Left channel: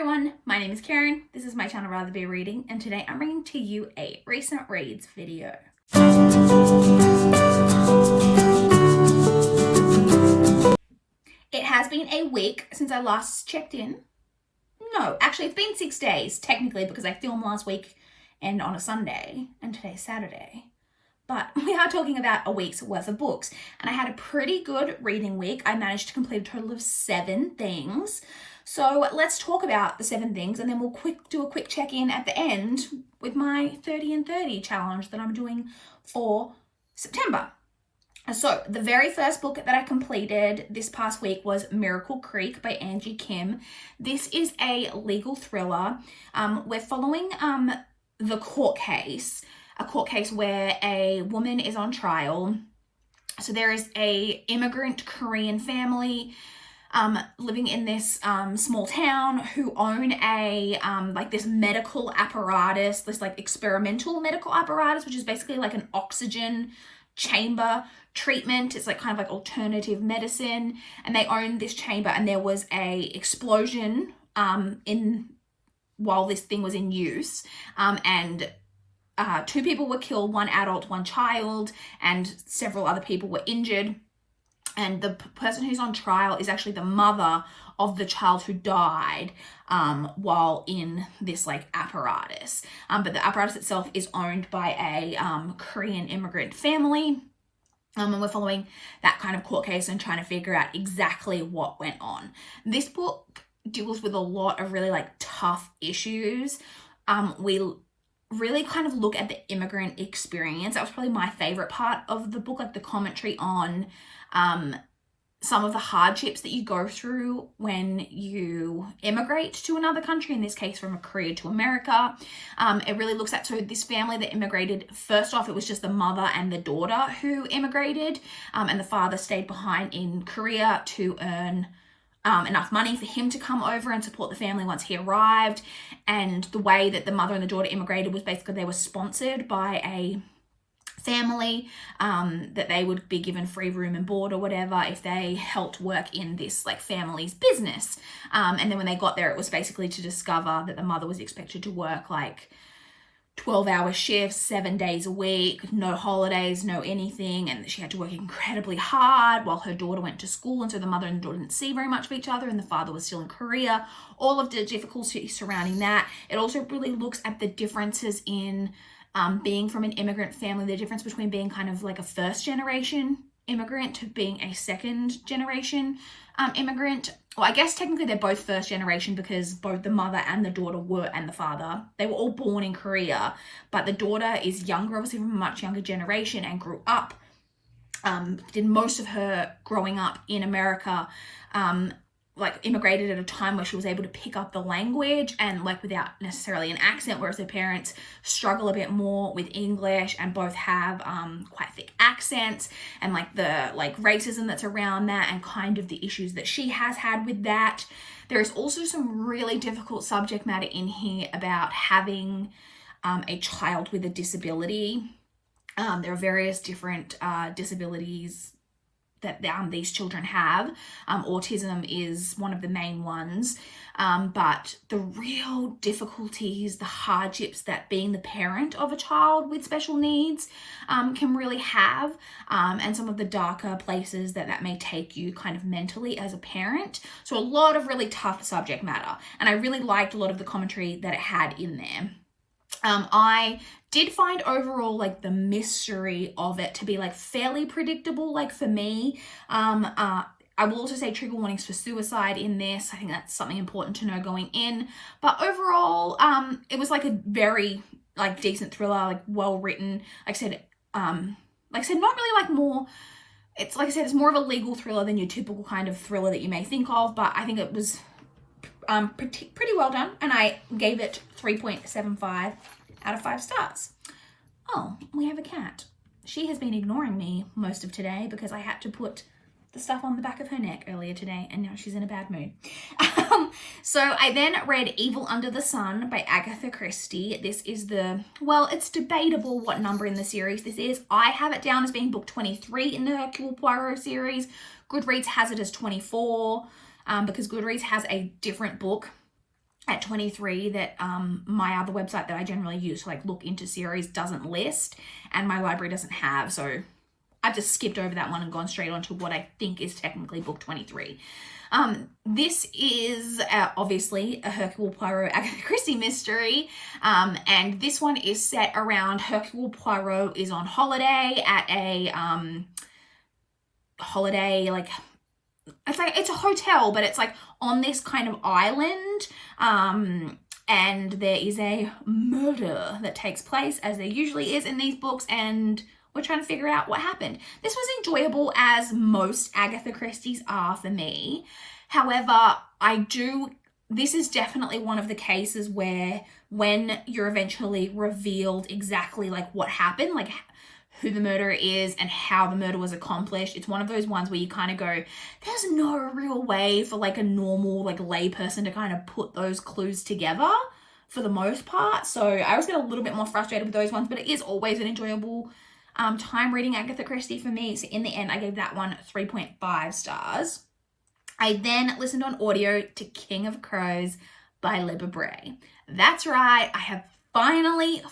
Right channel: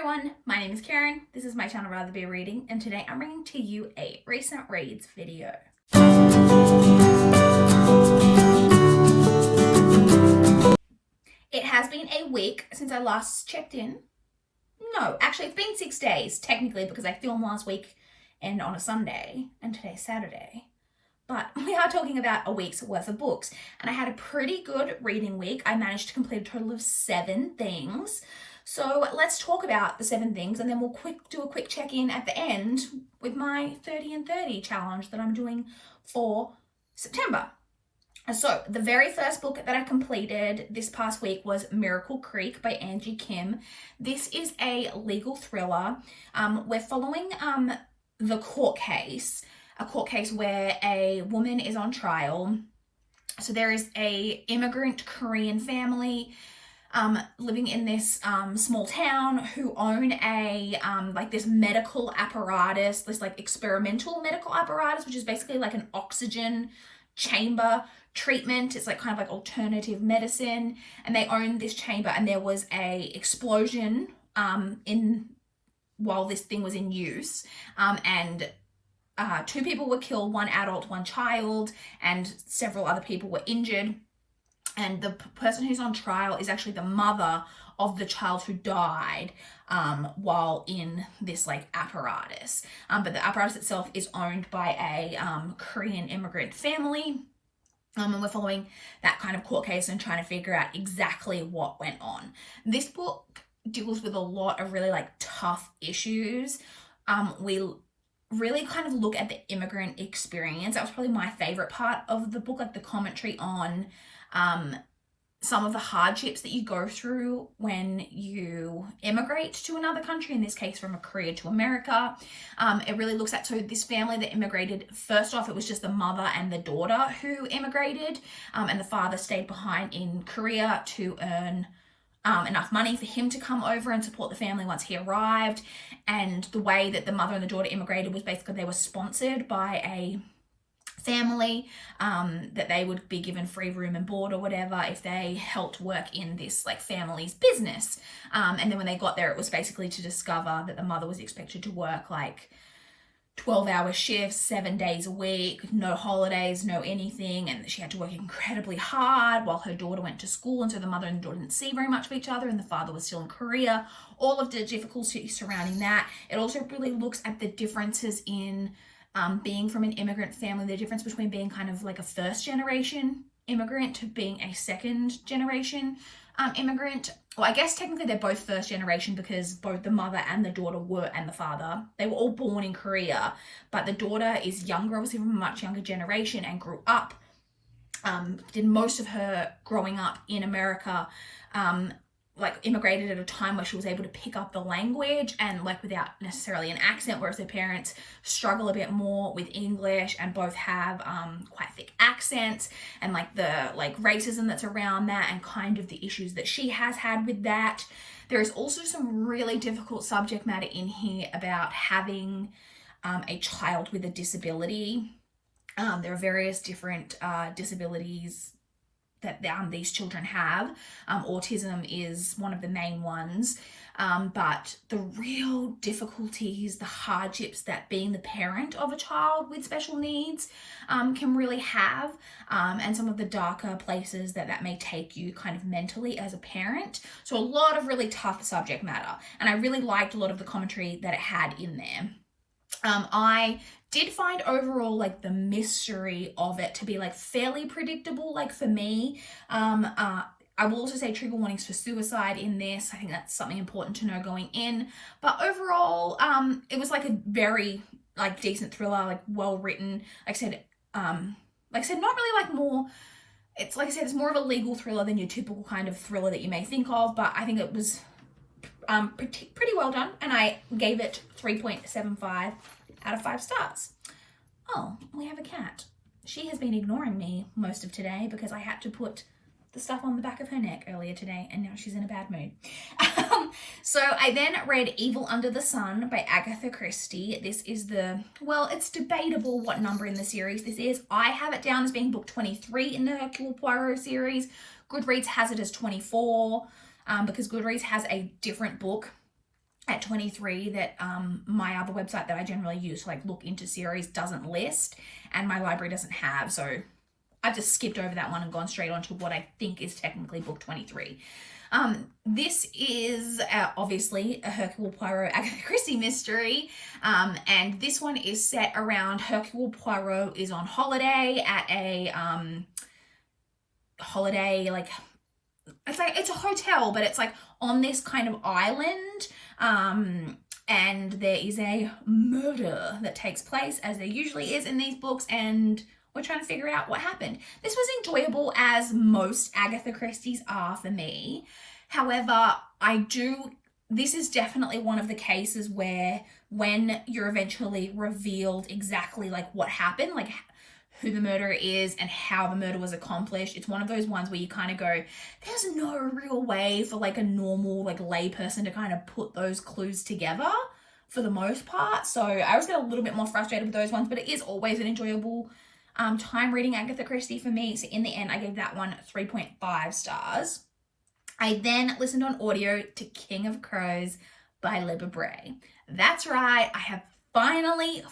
everyone, my name is Karen, this is my channel Rather Be Reading, and today I'm bringing to you a recent reads video. It has been a week since I last checked in. No, actually it's been 6 days, technically, because I filmed last week and on a Sunday, and today's Saturday. But we are talking about a week's worth of books, and I had a pretty good reading week. I managed to complete a total of 7 things. So let's talk about the 7 things, and then we'll do a quick check-in at the end with my 30 and 30 challenge that I'm doing for September. So the very first book that I completed this past week was Miracle Creek by Angie Kim. This is a legal thriller. We're following the court case, a court case where a woman is on trial. So there is a immigrant Korean family living in this small town who own a this medical apparatus, this like experimental medical apparatus, which is basically like an oxygen chamber treatment. It's like kind of like alternative medicine, and they own this chamber, and there was a explosion while this thing was in use, and 2 people were killed, 1 adult, 1 child, and several other people were injured. And the person who's on trial is actually the mother of the child who died while in this like apparatus. But the apparatus itself is owned by a Korean immigrant family. And we're following that kind of court case and trying to figure out exactly what went on. This book deals with a lot of really like tough issues. We really kind of look at the immigrant experience. That was probably my favorite part of the book, like the commentary on some of the hardships that you go through when you immigrate to another country, in this case from Korea to America. It really looks at, so this family that immigrated, first off, it was just the mother and the daughter who immigrated, and the father stayed behind in Korea to earn enough money for him to come over and support the family once he arrived. And the way that the mother and the daughter immigrated was basically they were sponsored by a family, that they would be given free room and board or whatever if they helped work in this like family's business. And then when they got there, it was basically to discover that the mother was expected to work like 12-hour shifts, 7 days a week, no holidays, no anything, and she had to work incredibly hard while her daughter went to school, and so the mother and the daughter didn't see very much of each other, and the father was still in Korea. All of the difficulties surrounding that. It also really looks at the differences in being from an immigrant family, the difference between being kind of like a first generation immigrant to being a second generation immigrant. Well, I guess technically they're both first generation because both the mother and the daughter and the father, they were all born in Korea, but the daughter is younger, obviously from a much younger generation, and grew up, did most of her growing up in America, like immigrated at a time where she was able to pick up the language and like without necessarily an accent, whereas her parents struggle a bit more with English and both have quite thick accents, and like the like racism that's around that and kind of the issues that she has had with that. There is also some really difficult subject matter in here about having a child with a disability. There are various different disabilities that these children have. Autism is one of the main ones, but the real difficulties, the hardships that being the parent of a child with special needs can really have, and some of the darker places that may take you kind of mentally as a parent. So a lot of really tough subject matter, and I really liked a lot of the commentary that it had in there. I did find overall like the mystery of it to be like fairly predictable, like for me. I will also say trigger warnings for suicide in this. I think that's something important to know going in. But overall, it was like a very like decent thriller, like well written. Like I said, not really like more. It's like I said, it's more of a legal thriller than your typical kind of thriller that you may think of. But I think it was pretty well done, and I gave it 3.75 out of 5 stars. Oh, we have a cat. She has been ignoring me most of today because I had to put the stuff on the back of her neck earlier today, and now she's in a bad mood. So I then read Evil Under the Sun by Agatha Christie. This is it's debatable what number in the series this is. I have it down as being book 23 in the Hercule Poirot series. Goodreads has it as 24. Because Goodreads has a different book at 23 that my other website that I generally use to like look into series doesn't list, and my library doesn't have. So I've just skipped over that one and gone straight on to what I think is technically book 23. This is obviously a Hercule Poirot Agatha Christie mystery, and this one is set around Hercule Poirot is on holiday at a holiday, like it's a hotel, but it's like on this kind of island, and there is a murder that takes place, as there usually is in these books, and we're trying to figure out what happened. This was enjoyable, as most Agatha Christie's are for me. However, this is definitely one of the cases where when you're eventually revealed exactly like what happened, like who the murderer is and how the murder was accomplished, it's one of those ones where you kind of go, there's no real way for like a normal like lay person to kind of put those clues together for the most part. So I always get a little bit more frustrated with those ones, but it is always an enjoyable time reading Agatha Christie for me. So in the end, I gave that one 3.5 stars. I then listened on audio to King of Crows by Libba Bray. That's right, I have finally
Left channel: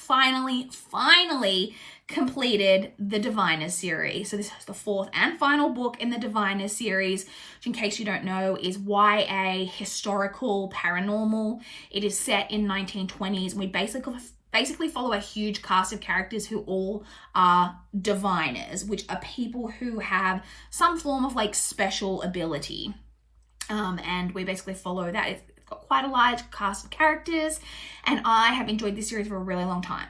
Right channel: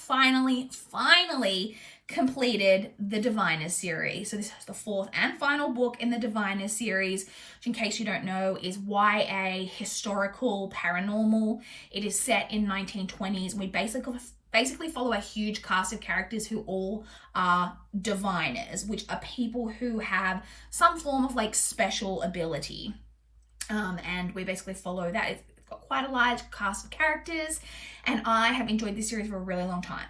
completed the Diviners series. So this is the fourth and final book in the Diviners series, which, in case you don't know, is YA historical paranormal. It is set in 1920s. We basically follow a huge cast of characters who all are diviners, which are people who have some form of like special ability. And we basically follow that. It's got quite a large cast of characters, and I have enjoyed this series for a really long time.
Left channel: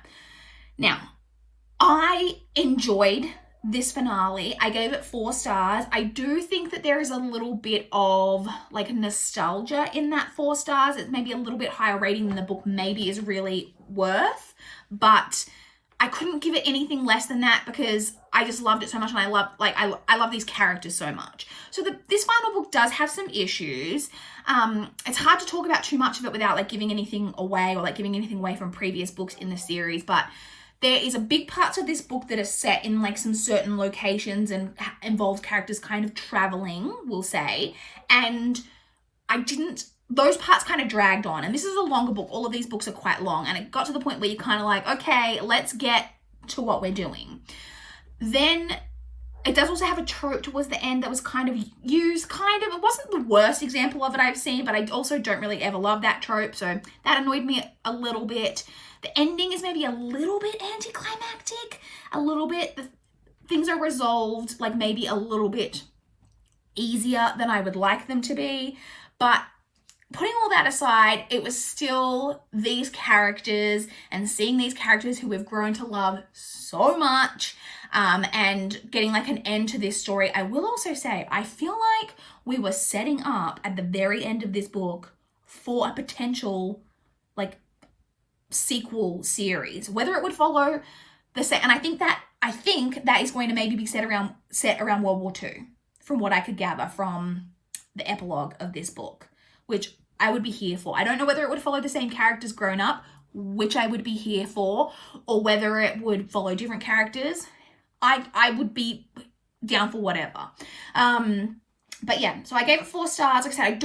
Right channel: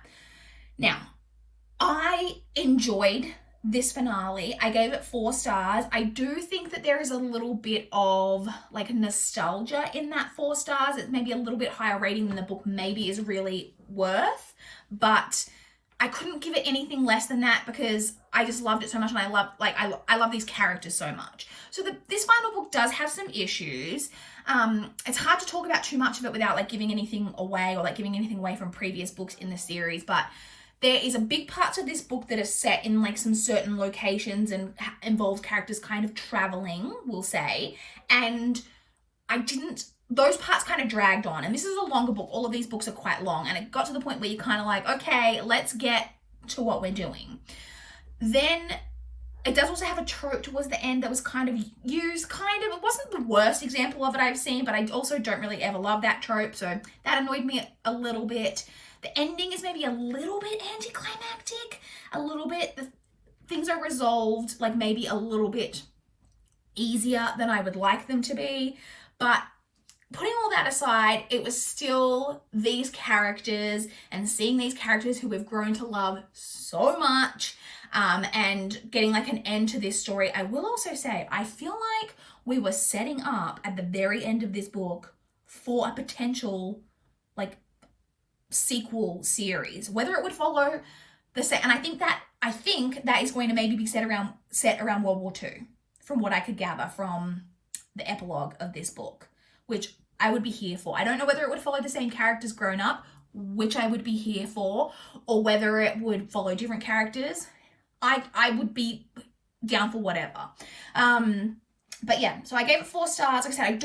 Now, I enjoyed this finale. I gave it 4 stars. I do think that there is a little bit of like nostalgia in that 4 stars. It's maybe a little bit higher rating than the book maybe is really worth, but I couldn't give it anything less than that because I just loved it so much, and I love these characters so much. So this final book does have some issues. It's hard to talk about too much of it without like giving anything away or like giving anything away from previous books in the series, but there is a big parts of this book that are set in like some certain locations and involve characters kind of traveling, we'll say, and those parts kind of dragged on. And this is a longer book. All of these books are quite long, and it got to the point where you're kind of like, okay, let's get to what we're doing. Then it does also have a trope towards the end that was kind of used, it wasn't the worst example of it I've seen, but I also don't really ever love that trope, so that annoyed me a little bit. The ending is maybe a little bit anticlimactic, a little bit. Things are resolved like maybe a little bit easier than I would like them to be, but putting all that aside, it was still these characters and seeing these characters who we've grown to love so much, and getting like an end to this story. I will also say, I feel like we were setting up at the very end of this book for a potential like sequel series, whether it would follow the set. And I think that is going to maybe be set around World War II, from what I could gather from the epilogue of this book, which I would be here for. I don't know whether it would follow the same characters grown up, which I would be here for, or whether it would follow different characters. I would be down for whatever. But yeah, so I gave it 4 stars. Like I said,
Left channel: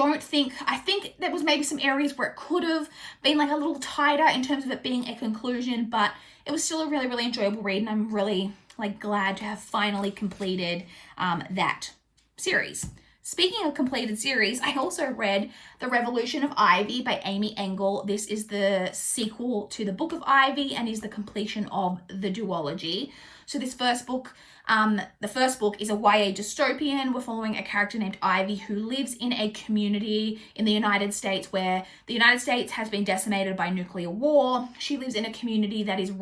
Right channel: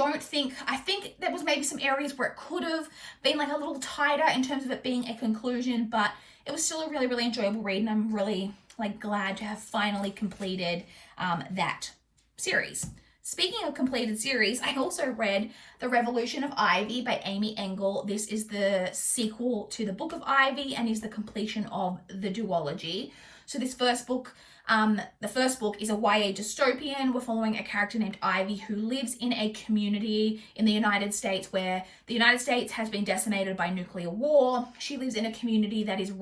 I think there was maybe some areas where it could have been like a little tighter in terms of it being a conclusion, but it was still a really, really enjoyable read, and I'm really like glad to have finally completed that series. Speaking of completed series, I also read The Revolution of Ivy by Amy Engel. This is the sequel to the Book of Ivy and is the completion of the duology. So this first book, the first book is a YA dystopian. We're following a character named Ivy who lives in a community in the United States where the United States has been decimated by nuclear war. She lives in a community that is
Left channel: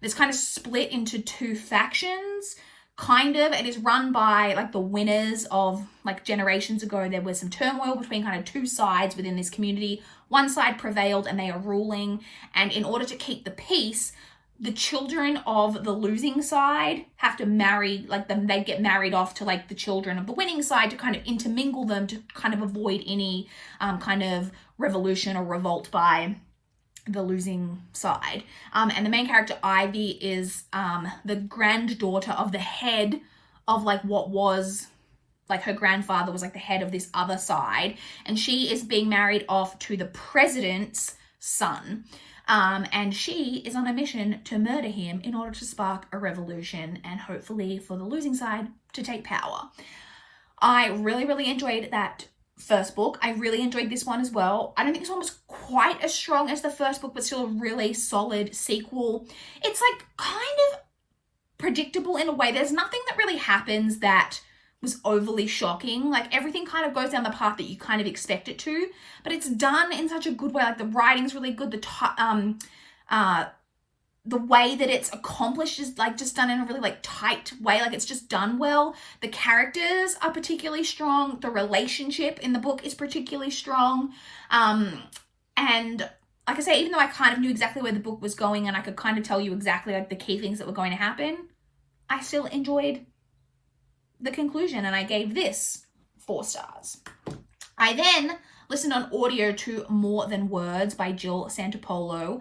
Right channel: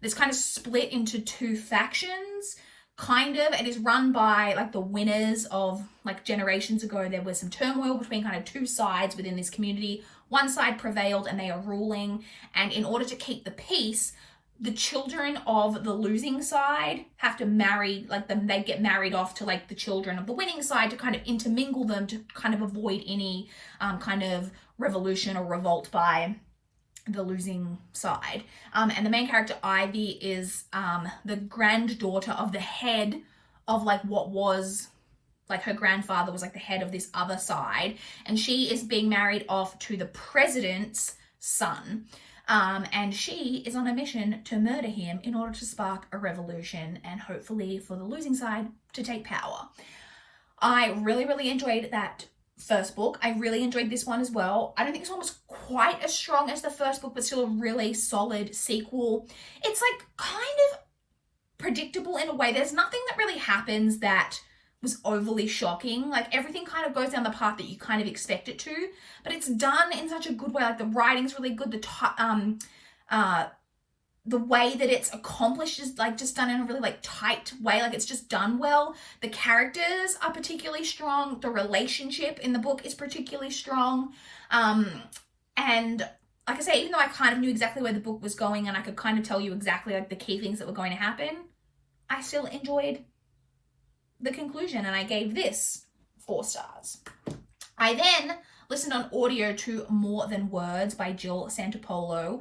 that's kind of split into 2 factions. It is run by like the winners of like generations ago. There was some turmoil between kind of 2 sides within this community. One side prevailed and they are ruling, and in order to keep the peace, the children of the losing side have to marry, they get married off to like the children of the winning side to kind of intermingle them to kind of avoid any kind of revolution or revolt by the losing side. And the main character, Ivy, is the granddaughter of the head of like what was like her grandfather was like the head of this other side, and she is being married off to the president's son. And she is on a mission to murder him in order to spark a revolution and hopefully for the losing side to take power. I really, really enjoyed that first book. I really enjoyed this one as well. I don't think this one was quite as strong as the first book, but still a really solid sequel. It's like kind of predictable in a way. There's nothing that really happens that was overly shocking. Like everything kind of goes down the path that you kind of expect it to, but it's done in such a good way. Like the writing's really good. The way that it's accomplished is like just done in a really like tight way. Like it's just done well. The characters are particularly strong. The relationship in the book is particularly strong. And like I say, even though I kind of knew exactly where the book was going and I could kind of tell you exactly like the key things that were going to happen, I still enjoyed the conclusion and I gave this 4 stars. I then listened on audio to More Than Words by Jill Santopolo.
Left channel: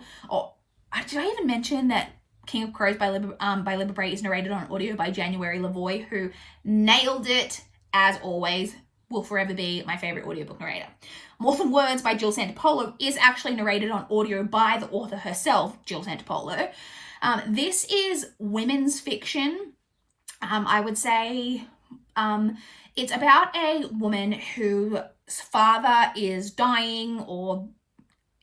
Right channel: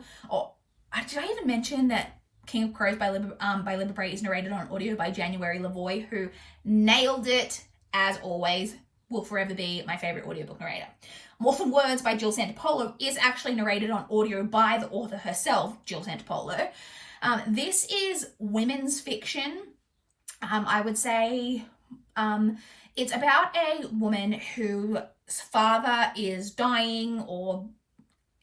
Did I even mention that King of Crows by Libba Bray is narrated on audio by January Lavoie, who nailed it as always, will forever be my favorite audiobook narrator. More Than Words by Jill Santopolo is actually narrated on audio by the author herself, Jill Santopolo. This is women's fiction. I would say it's about a woman whose father is dying, or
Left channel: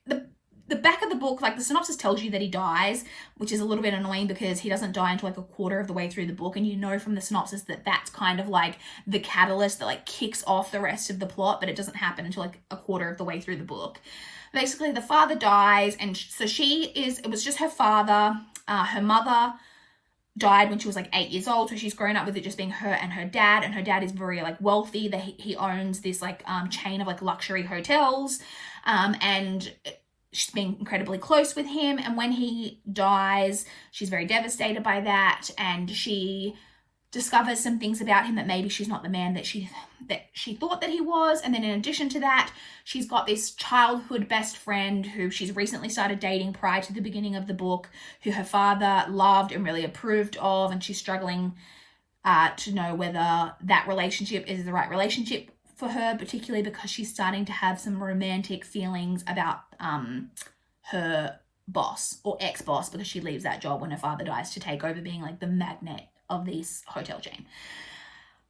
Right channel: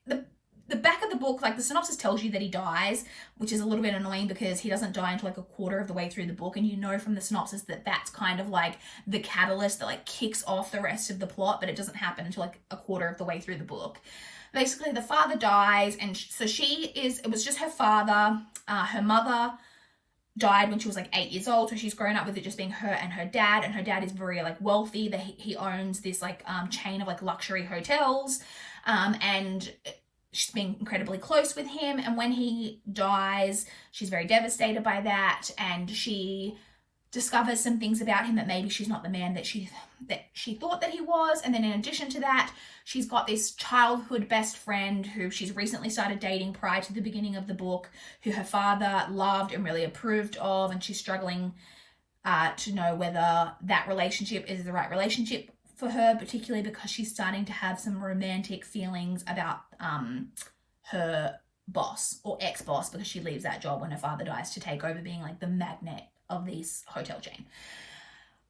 the back of the book, like the synopsis tells you that he dies, which is a little bit annoying because he doesn't die until like a quarter of the way through the book. And you know from the synopsis that that's kind of like the catalyst that like kicks off the rest of the plot, but it doesn't happen until like a quarter of the way through the book. Basically, the father dies, and so it was just her father. Her mother died when she was like 8 years old, so she's grown up with it just being her and her dad, and her dad is very like wealthy. That he owns this like chain of like luxury hotels, and she's been incredibly close with him. And when he dies, she's very devastated by that, and she discovers some things about him that maybe she's not the man that she thought that he was. And then in addition to that, she's got this childhood best friend who she's recently started dating prior to the beginning of the book, who her father loved and really approved of, and she's struggling to know whether that relationship is the right relationship for her, particularly because she's starting to have some romantic feelings about her boss, or ex-boss, because she leaves that job when her father dies to take over being like the magnate of this hotel chain.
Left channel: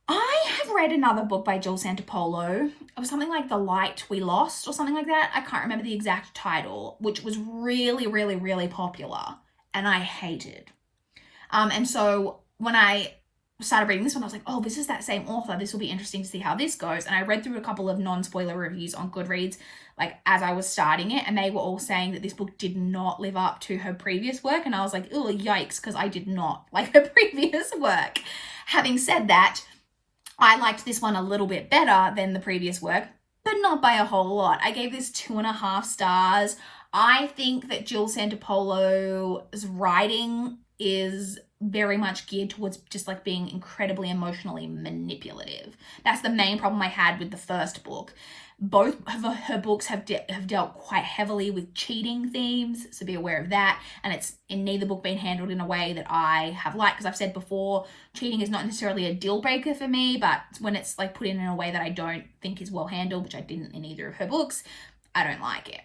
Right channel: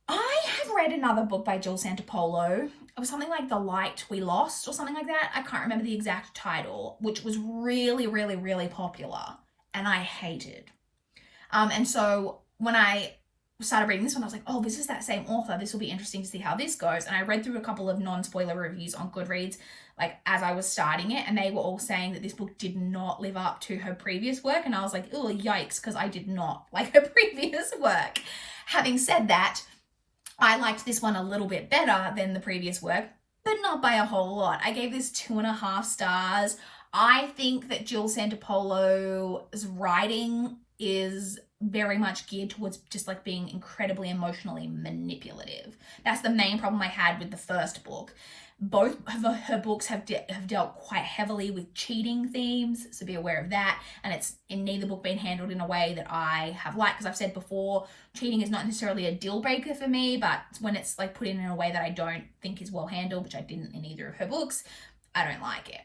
I have read another book by Jill Santopolo. It was something like The Light We Lost or something like that. I can't remember the exact title, which was really, really, really popular and I hated. And so when I started reading this one, I was like, oh, this is that same author. This will be interesting to see how this goes. And I read through a couple of non-spoiler reviews on Goodreads, like as I was starting it, and they were all saying that this book did not live up to her previous work. And I was like, oh, yikes, because I did not like her previous work. Having said that, I liked this one a little bit better than the previous work, but not by a whole lot. I gave this 2.5 stars. I think that Jill Santopolo's writing is very much geared towards just like being incredibly emotionally manipulative. That's the main problem I had with the first book. Both of her books have dealt quite heavily with cheating themes, so be aware of that. And it's in neither book been handled in a way that I have liked, because I've said before, cheating is not necessarily a deal breaker for me, but when it's like put in a way that I don't think is well handled, which I didn't in either of her books, I don't like it.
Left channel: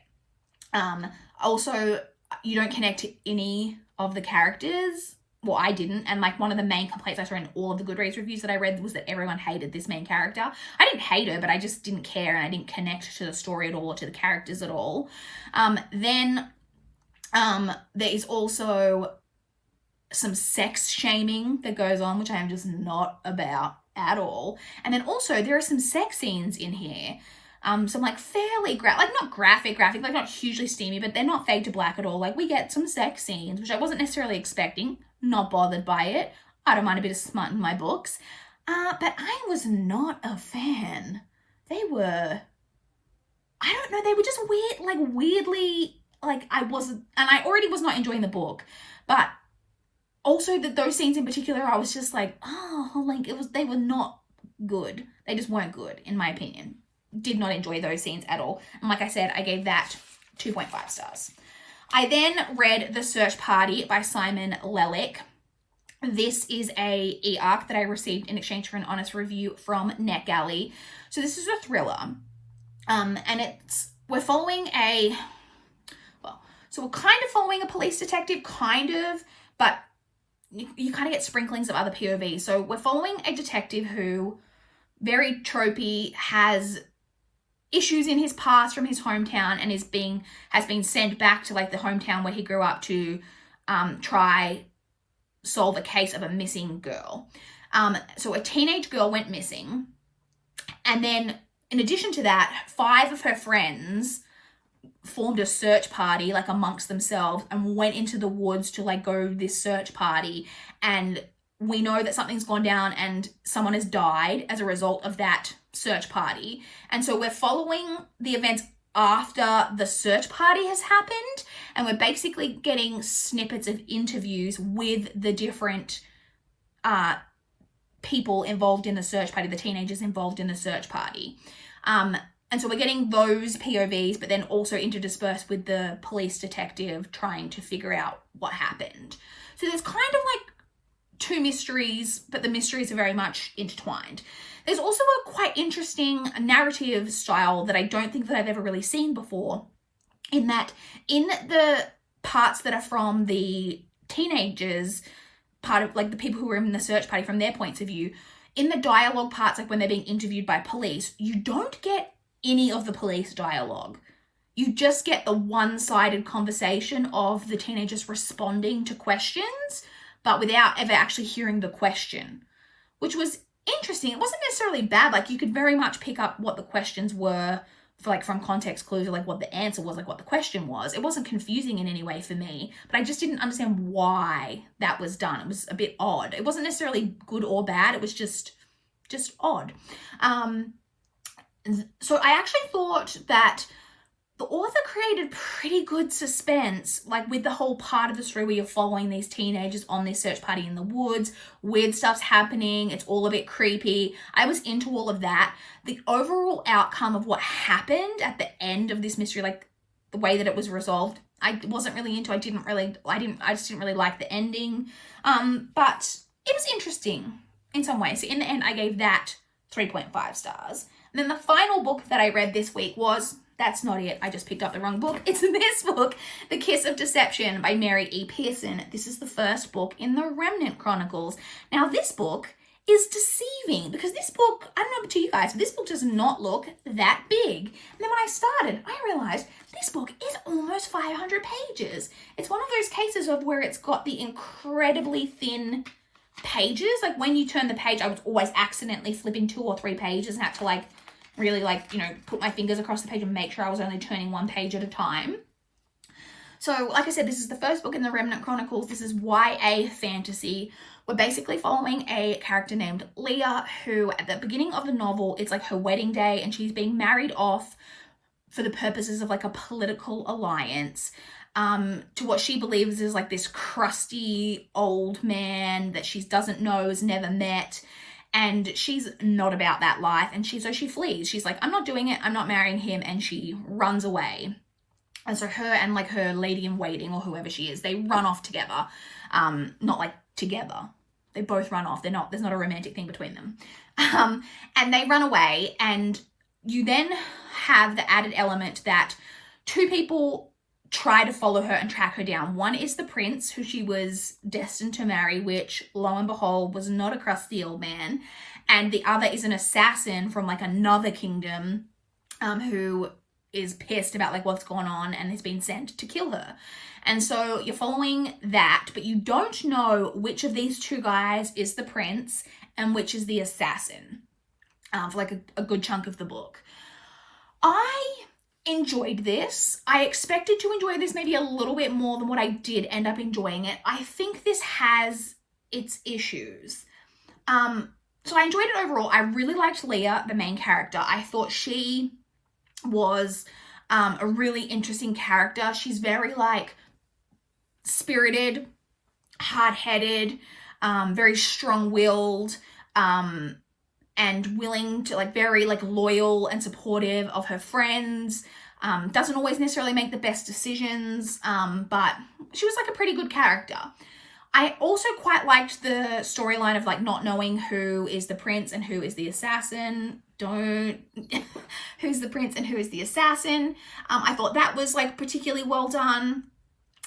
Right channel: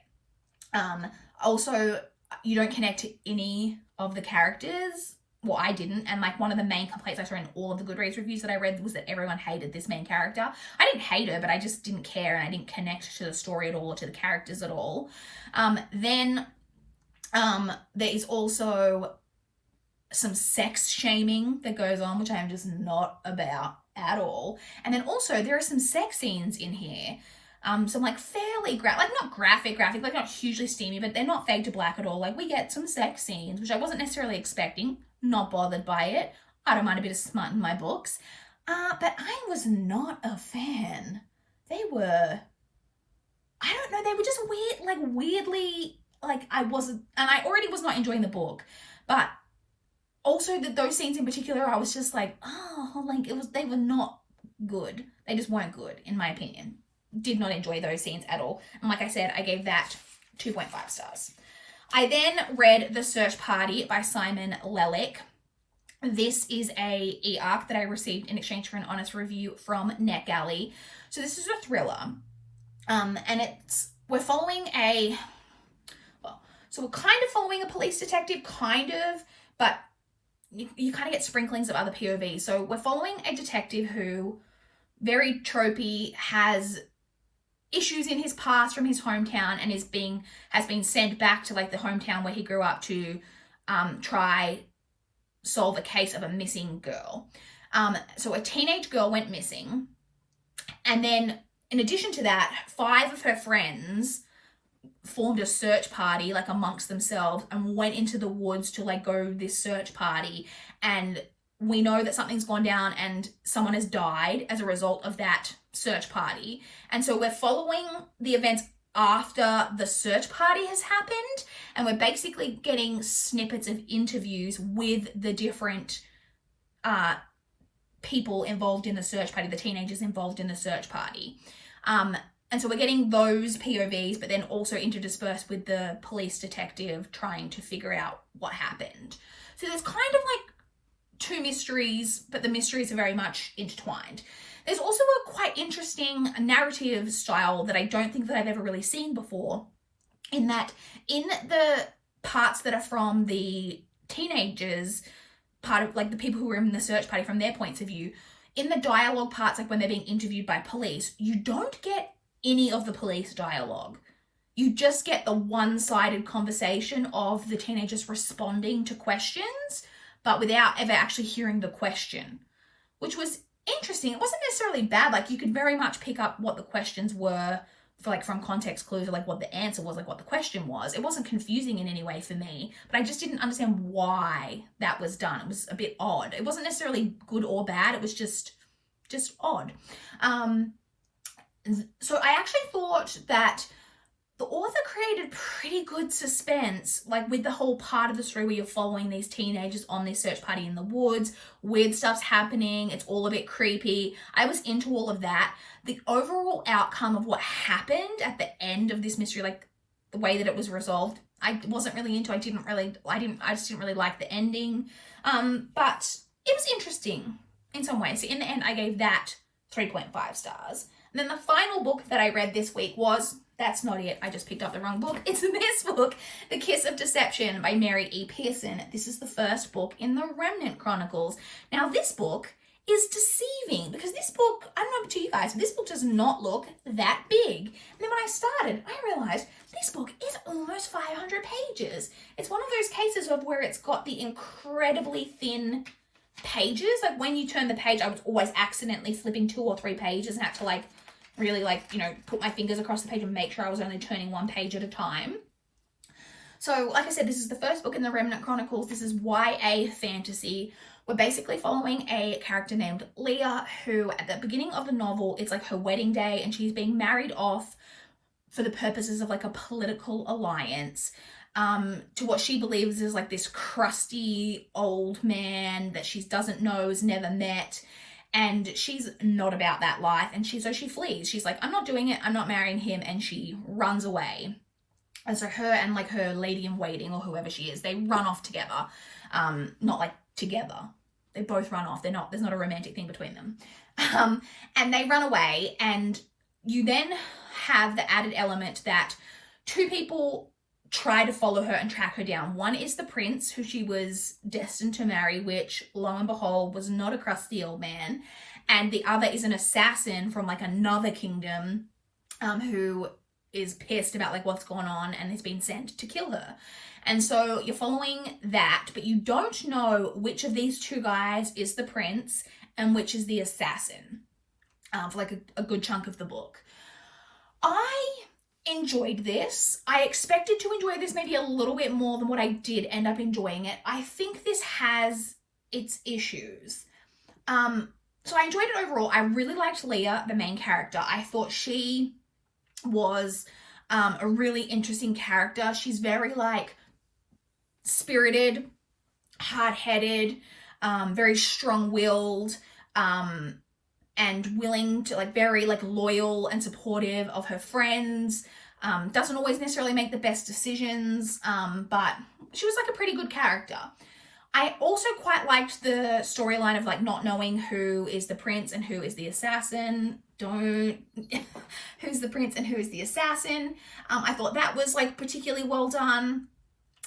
Also, you don't connect to any of the characters. Well, I didn't. And like one of the main complaints I saw in all of the Goodreads reviews that I read was that everyone hated this main character. I didn't hate her, but I just didn't care, and I didn't connect to the story at all or to the characters at all. Then there is also some sex shaming that goes on, which I am just not about at all. And then also there are some sex scenes in here. Some like fairly not graphic, like not hugely steamy, but they're not fade to black at all. Like we get some sex scenes, which I wasn't necessarily expecting, not bothered by it. I don't mind a bit of smut in my books. But I was not a fan. They were just weird, like weirdly, like I already was not enjoying the book, but also those scenes in particular, I was just like, oh, like they were not good. They just weren't good, in my opinion. Did not enjoy those scenes at all. And like I said, I gave that 2.5 stars. I then read The Search Party by Simon Lellick. This is a e-arc that I received in exchange for an honest review from NetGalley. So this is a thriller. And we're following so we're kind of following a police detective, kind of, but you kind of get sprinklings of other POVs. So we're following a detective who, very tropey, has issues in his past from his hometown and has been sent back to like the hometown where he grew up to try solve a case of a missing girl. So a teenage girl went missing, and then in addition to that, 5 of her friends formed a search party like amongst themselves and went into the woods to like go this search party, and we know that something's gone down and someone has died as a result of that search party. And so we're following the events after the search party has happened, and we're basically getting snippets of interviews with the different people involved in the search party, the teenagers involved in the search party. And so we're getting those POVs, but then also interdispersed with the police detective trying to figure out what happened. So there's kind of like 2 mysteries, but the mysteries are very much intertwined. There's also a quite interesting narrative style that I don't think that I've ever really seen before, in that in the parts that are from the teenagers, part of like the people who were in the search party from their points of view, in the dialogue parts, like when they're being interviewed by police, you don't get any of the police dialogue. You just get the one-sided conversation of the teenagers responding to questions, but without ever actually hearing the question, which was interesting. It wasn't necessarily bad. Like you could very much pick up what the questions were for, like from context clues, or like what the answer was, like what the question was. It wasn't confusing in any way for me, but I just didn't understand why that was done. It was a bit odd. It wasn't necessarily good or bad. It was just odd. So I actually thought that the author created pretty good suspense, like with the whole part of the story where you're following these teenagers on this search party in the woods. Weird stuff's happening. It's all a bit creepy. I was into all of that. The overall outcome of what happened at the end of this mystery, like the way that it was resolved, I wasn't really into. I just didn't really like the ending. But it was interesting in some ways. So in the end, I gave that 3.5 stars. And then the final book that I read this week was, that's not it, I just picked up the wrong book. It's this book, The Kiss of Deception by Mary E. Pearson. This is the first book in the Remnant Chronicles. Now this book is deceiving because this book, I don't know about you guys, but this book does not look that big. And then when I started, I realized this book is almost 500 pages. It's one of those cases of where it's got the incredibly thin pages. Like when you turn the page, I was always accidentally flipping 2 or 3 pages and had to like really like, you know, put my fingers across the page and make sure I was only turning 1 page at a time. So like I said, this is the first book in the Remnant Chronicles. This is YA fantasy. We're basically following a character named Leah, who at the beginning of the novel, it's like her wedding day and she's being married off for the purposes of like a political alliance to what she believes is like this crusty old man that she doesn't know, has never met. And she's not about that life. And so she flees. She's like, I'm not doing it. I'm not marrying him. And she runs away. And so her and like her lady in waiting or whoever she is, they run off together. Not like together. They both run off. There's not a romantic thing between them. And they run away. And you then have the added element that 2 people try to follow her and track her down. One is the prince, who she was destined to marry, which lo and behold was not a crusty old man. And the other is an assassin from like another kingdom who is pissed about like what's going on and has been sent to kill her. And so you're following that, but you don't know which of these 2 guys is the prince and which is the assassin for like a good chunk of the book. I enjoyed this. I expected to enjoy this maybe a little bit more than what I did end up enjoying it. I think this has its issues. So I enjoyed it overall. I really liked Leah, the main character. I thought she was a really interesting character. She's very like spirited, hard-headed, very strong-willed, and willing to like very like loyal and supportive of her friends. Doesn't always necessarily make the best decisions, but she was like a pretty good character. I also quite liked the storyline of like not knowing who is the prince and who is the assassin. Who's the prince and who is the assassin. I thought that was like particularly well done.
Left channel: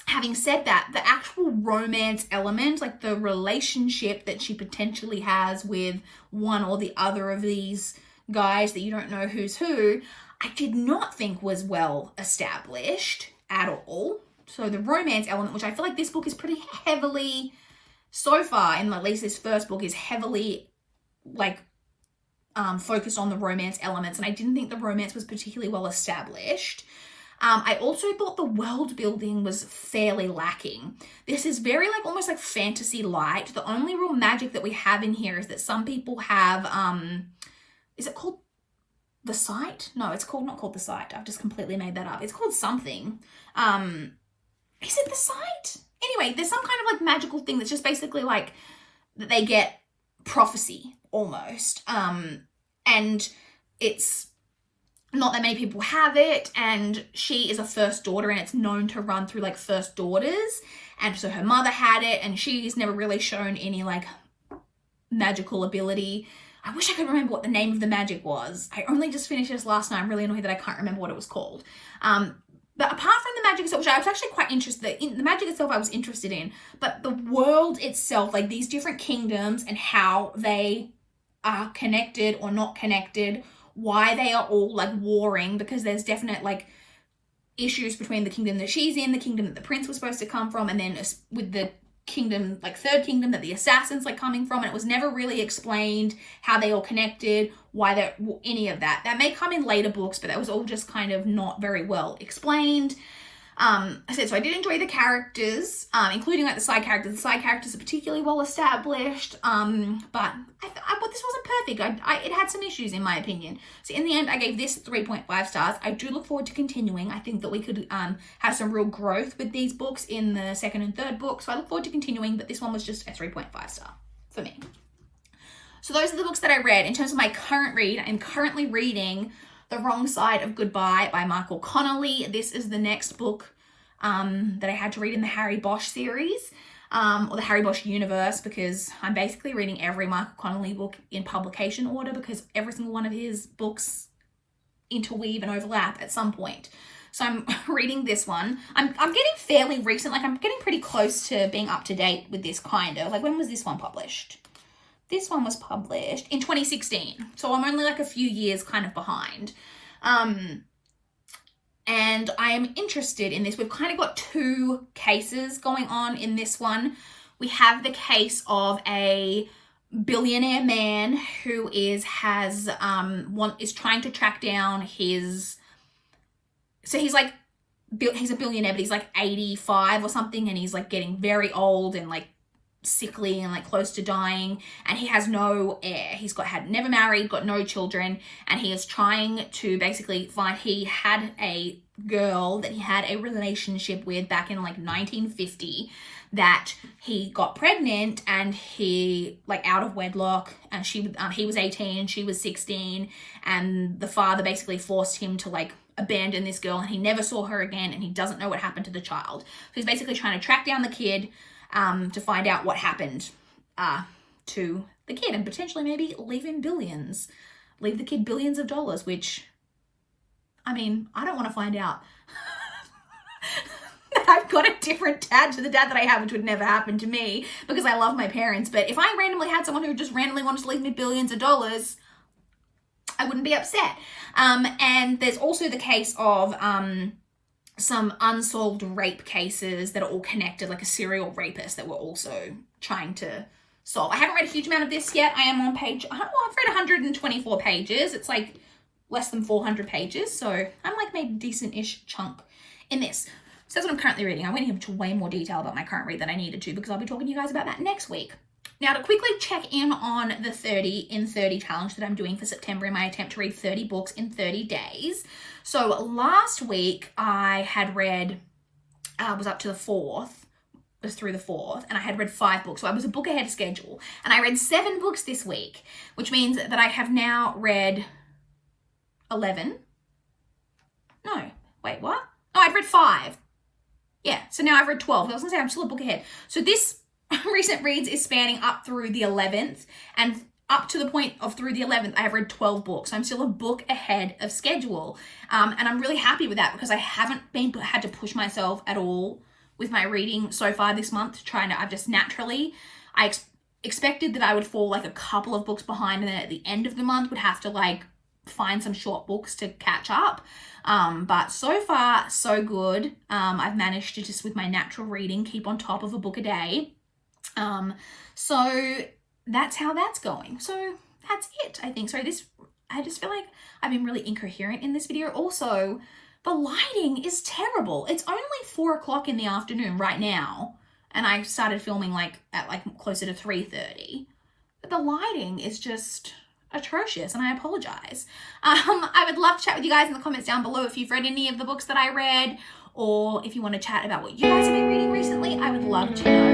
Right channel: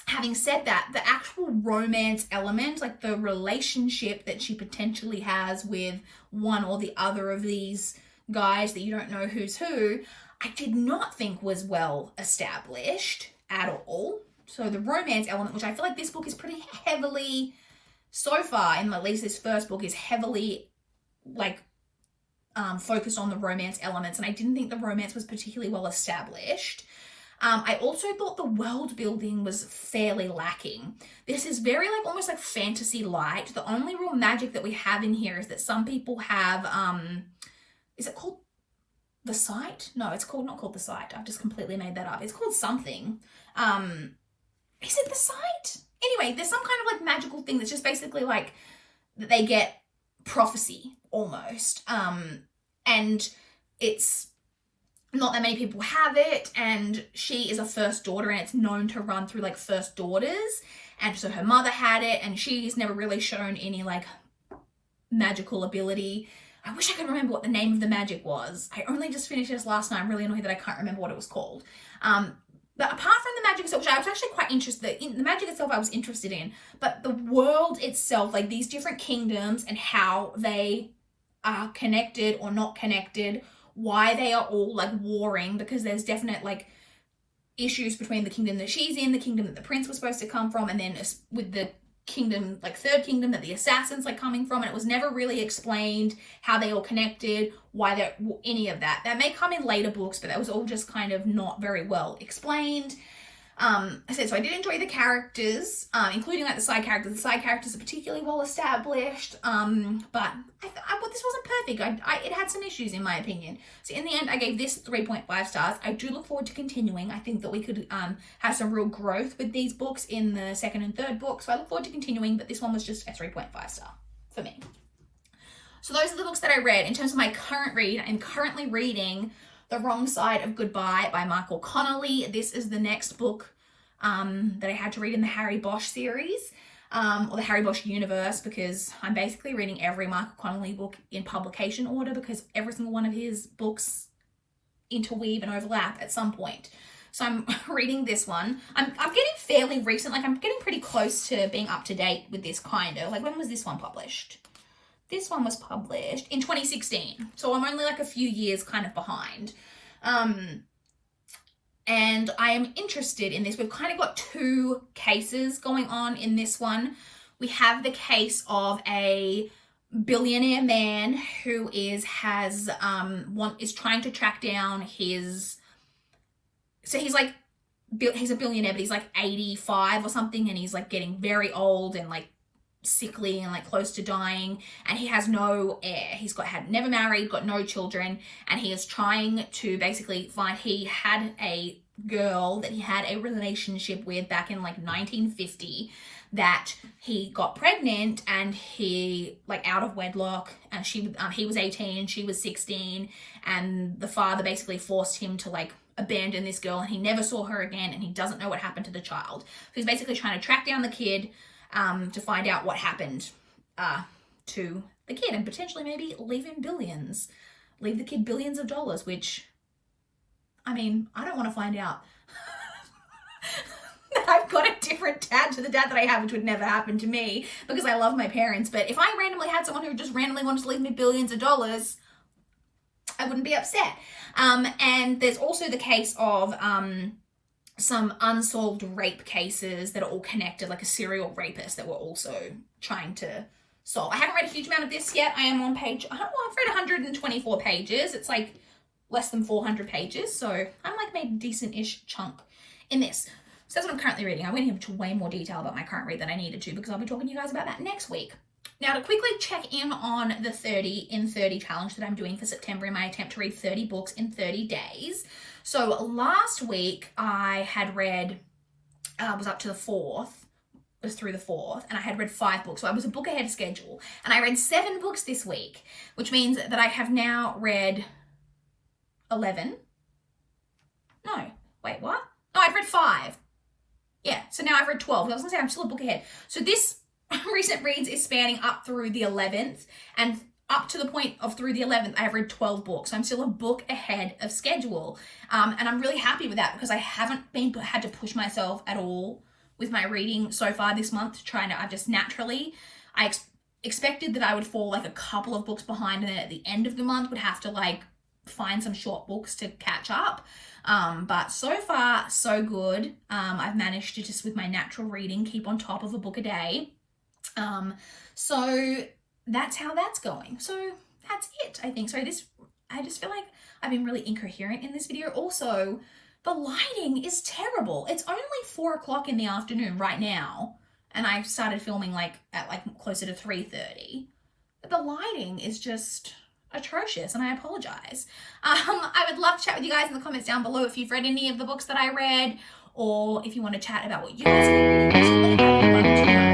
Having said that, the actual romance element, like the relationship that she potentially has with one or the other of these guys that you don't know who's who, I did not think was well established at all. So the romance element, which I feel like this book is pretty heavily, so far in at least this first book, is heavily like focused on the romance elements, and I didn't think the romance was particularly well established. I also thought the world building was fairly lacking. This is very like almost like fantasy light. The only real magic that we have in here is that some people have, is it called the Sight? No, it's not called the Sight. I've just completely made that up. It's called something. Is it the Sight? Anyway, there's some kind of like magical thing that's just basically like that they get prophecy almost. And it's not that many people have it, and she is a first daughter, and it's known to run through like first daughters, and so her mother had it, and she's never really shown any like magical ability. I wish I could remember what the name of the magic was. I only just finished this last night. I'm really annoyed that I can't remember what it was called. But apart from the magic itself, which I was actually quite interested in, the magic itself I was interested in, but the world itself, like these different kingdoms and how they are connected or not connected, why they are all like warring, because there's definite like issues between the kingdom that she's in, the kingdom that the prince was supposed to come from, and then with the kingdom, like third kingdom that the assassin's like coming from, and it was never really explained how they all connected, why they're any of that. That may come in later books, but that was all just kind of not very well explained. I said, so I did enjoy the characters, including like the side characters. The side characters are particularly well established, but this wasn't perfect. It had some issues in my opinion. So in the end, I gave this 3.5 stars. I do look forward to continuing. I think that we could have some real growth with these books in the second and third book. So I look forward to continuing, but this one was just a 3.5 star for me. So those are the books that I read. In terms of my current read, I'm currently reading The Wrong Side of Goodbye by Michael Connolly. This is the next book that I had to read in the Harry Bosch series, or the Harry Bosch universe, because I'm basically reading every Michael Connolly book in publication order, because every single one of his books interweave and overlap at some point. So I'm reading this one. I'm getting fairly recent, like I'm getting pretty close to being up to date with this kind of. Like, when was this one published? This one was published in 2016. So I'm only like a few years kind of behind. And I am interested in this. We've kind of got two cases going on in this one. We have the case of a billionaire man who is trying to track down his, so he's a billionaire, but he's like 85 or something, and he's like getting very old and like sickly and like close to dying, and he has no heir. He's never married, got no children, and he is trying to basically find, he had a girl that he had a relationship with back in like 1950 that he got pregnant, and he like out of wedlock, and he was 18, she was 16, and the father basically forced him to like abandon this girl, and he never saw her again, and he doesn't know what happened to the child. So he's basically trying to track down the kid to find out what happened to the kid, and potentially maybe leave the kid billions of dollars, which, I mean, I don't want to find out that I've got a different dad to the dad that I have, which would never happen to me because I love my parents. But if I randomly had someone who just randomly wanted to leave me billions of dollars, I wouldn't be upset. And there's also the case of some unsolved rape cases that are all connected, like a serial rapist that we're also trying to solve. I haven't read a huge amount of this yet. I am on page, I've read 124 pages. It's like less than 400 pages. So I'm like made a decent-ish chunk in this. So that's what I'm currently reading. I went into way more detail about my current read than I needed to, because I'll be talking to you guys about that next week. Now, to quickly check in on the 30 in 30 challenge that I'm doing for September in my attempt to read 30 books in 30 days. So last week I had read, was up to the 4th, was through the 4th, and I had read 5 books. So I was a book ahead of schedule, and I read 7 books this week, which means that I have now read 11. No, wait, what? No, I've read 5. Yeah, so now I've read 12. I was gonna say I'm still a book ahead. So this recent reads is spanning up through the 11th, and up to the point of through the 11th, I have read 12 books. I'm still a book ahead of schedule. And I'm really happy with that because I haven't had to push myself at all with my reading so far this month. I've just naturally, I expected that I would fall like a couple of books behind, and then at the end of the month would have to like find some short books to catch up. But so far, so good. I've managed to just, with my natural reading, keep on top of a book a day. So that's how that's going. So that's it, I think. So I just feel like I've been really incoherent in this video. Also, the lighting is terrible. It's only 4 o'clock in the afternoon right now, and I started filming at closer to 3:30. But the lighting is just atrocious, and I apologize. I would love to chat with you guys in the comments down below if you've read any of the books that I read, or if you want to chat about what you guys have been reading recently. I would love to know.